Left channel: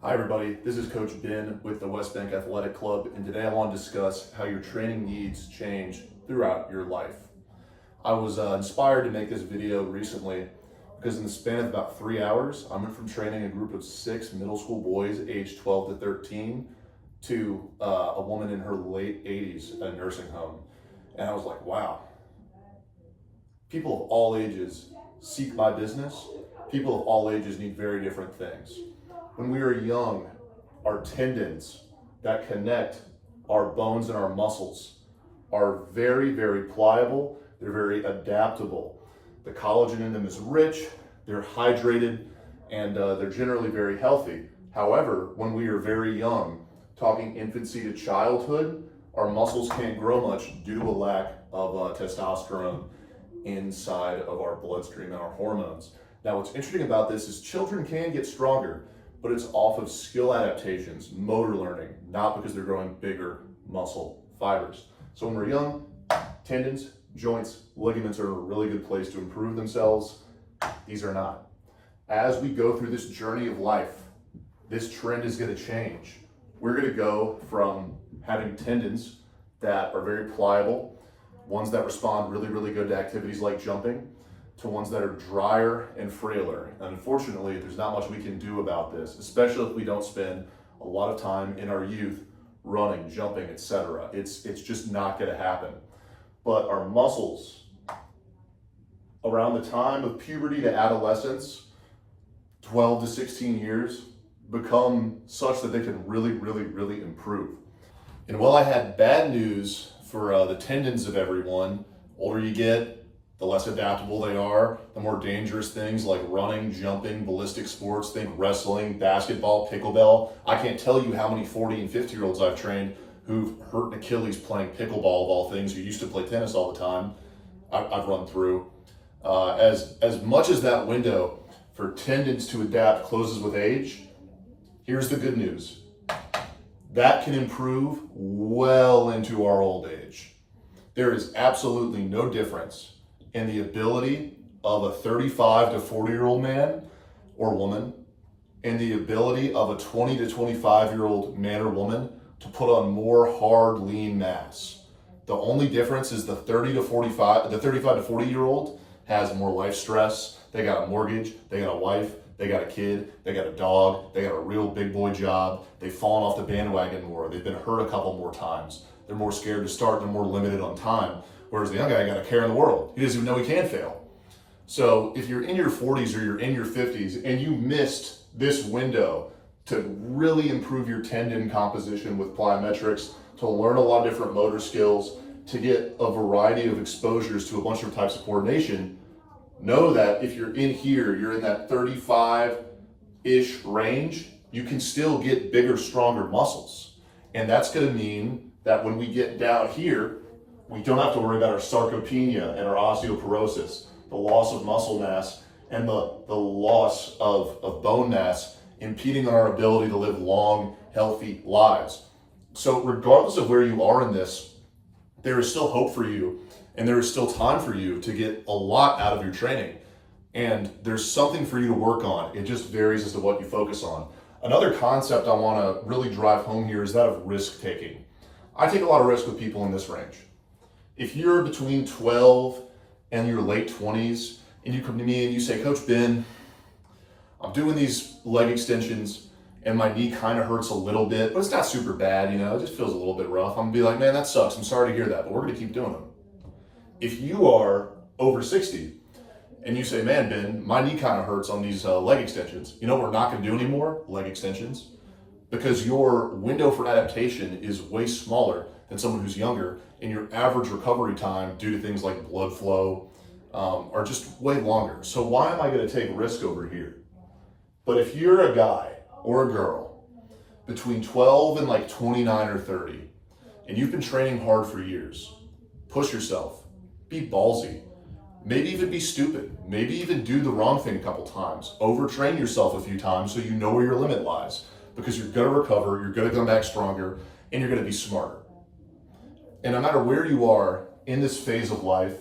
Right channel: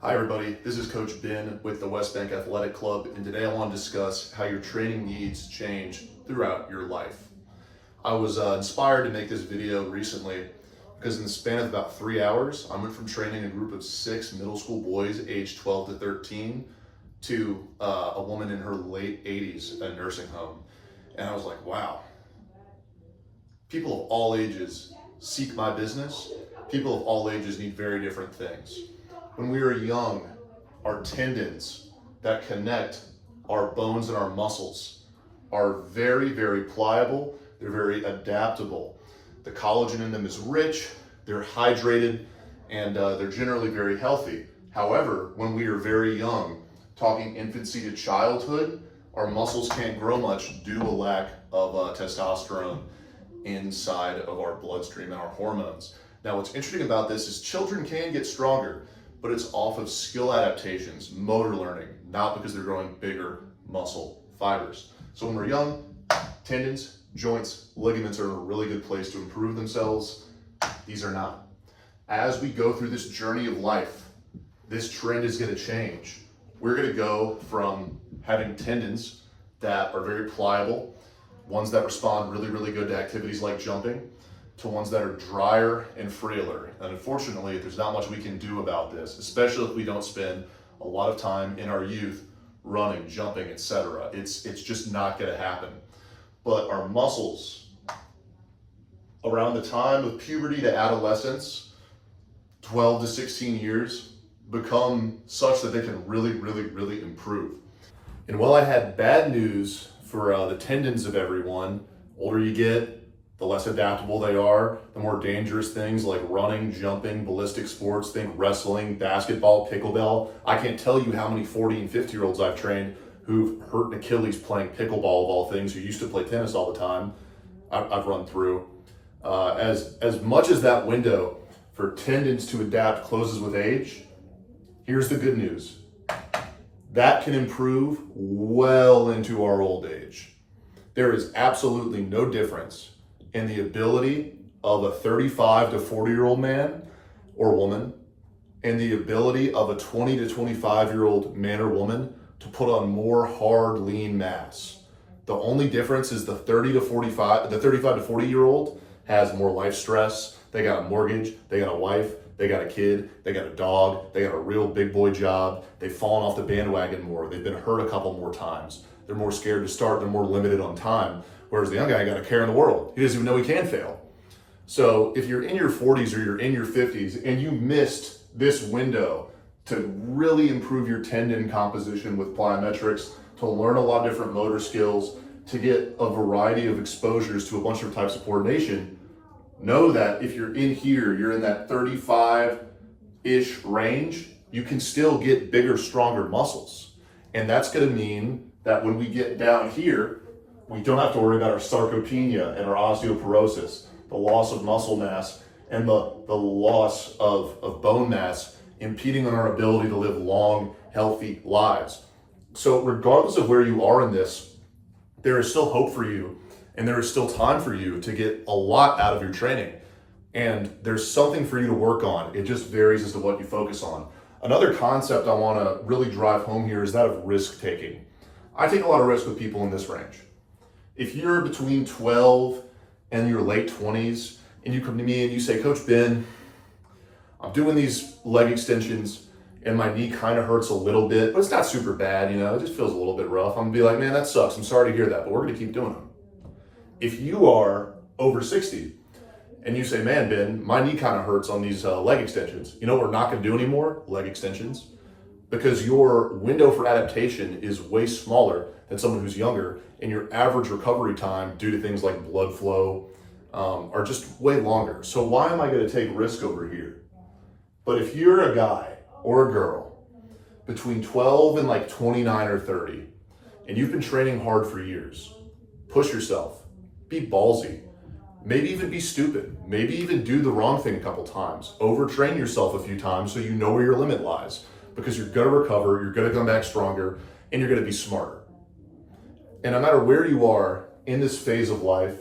Hi everybody, this is Coach Ben with the West Bank Athletic Club, and today I want to discuss how your training needs change throughout your life. I was inspired to make this video recently because in the span of about 3 hours, I went from training a group of 6 middle school boys aged 12 to 13 to a woman in her late 80s at a nursing home. And I was like, wow, people of all ages seek my business. People of all ages need very different things. When we are young, our tendons that connect our bones and our muscles are very, very pliable. They're very adaptable. The collagen in them is rich, they're hydrated, and they're generally very healthy. However, when we are very young, talking infancy to childhood, our muscles can't grow much due to a lack of testosterone inside of our bloodstream and our hormones. Now, what's interesting about this is children can get stronger, but it's off of skill adaptations, motor learning, not because they're growing bigger muscle fibers. So when we're young, tendons, joints, ligaments are in a really good place to improve themselves. These are not. As we go through this journey of life, this trend is going to change. We're going to go from having tendons that are very pliable, ones that respond really, really good to activities like jumping, to ones that are drier and frailer. And unfortunately, there's not much we can do about this, especially if we don't spend a lot of time in our youth running, jumping, etc. It's just not gonna happen. But our muscles, around the time of puberty to adolescence, 12 to 16 years, become such that they can really, really, really improve. And while I had bad news for the tendons of everyone, older you get, the less adaptable they are, the more dangerous things like running, jumping, ballistic sports, think wrestling, basketball, pickleball. I can't tell you how many 40 and 50-year-olds I've trained who've hurt an Achilles playing pickleball of all things, who used to play tennis all the time. I've run through. As much as that window for tendons to adapt closes with age, here's the good news. That can improve well into our old age. There is absolutely no difference in the ability of a 35 to 40-year-old man or woman and the ability of a 20 to 25-year-old man or woman to put on more hard, lean mass. The only difference is the 35 to 40-year-old has more life stress. They got a mortgage, they got a wife, they got a kid, they got a dog, they got a real big boy job. They've fallen off the bandwagon more. They've been hurt a couple more times. They're more scared to start. They're more limited on time. Whereas the young guy got a care in the world. He doesn't even know he can fail. So if you're in your 40s or you're in your 50s and you missed this window to really improve your tendon composition with plyometrics, to learn a lot of different motor skills, to get a variety of exposures to a bunch of types of coordination, know that if you're in here, you're in that 35-ish range, you can still get bigger, stronger muscles. And that's gonna mean that when we get down here, we don't have to worry about our sarcopenia and our osteoporosis, the loss of muscle mass and the loss of bone mass impeding on our ability to live long, healthy lives. So regardless of where you are in this, there is still hope for you and there is still time for you to get a lot out of your training. And there's something for you to work on. It just varies as to what you focus on. Another concept I wanna really drive home here is that of risk taking. I take a lot of risk with people in this range. If you're between 12 and your late 20s and you come to me and you say, Coach Ben, I'm doing these leg extensions and my knee kind of hurts a little bit, but it's not super bad, it just feels a little bit rough. I'm gonna be like, man, that sucks. I'm sorry to hear that, but we're gonna keep doing them. If you are over 60 and you say, man, Ben, my knee kind of hurts on these leg extensions, you know what we're not gonna do anymore? Leg extensions. Because your window for adaptation is way smaller than someone who's younger, and your average recovery time due to things like blood flow are just way longer. So why am I gonna take risk over here? But if you're a guy or a girl between 12 and like 29 or 30, and you've been training hard for years, push yourself, be ballsy, maybe even be stupid, maybe even do the wrong thing a couple times, overtrain yourself a few times so you know where your limit lies, because you're gonna recover, you're gonna come back stronger, and you're gonna be smarter. And no matter where you are in this phase of life,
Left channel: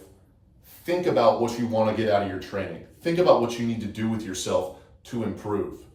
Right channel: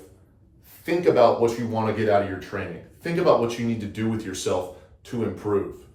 think about what you wanna get out of your training. Think about what you need to do with yourself to improve.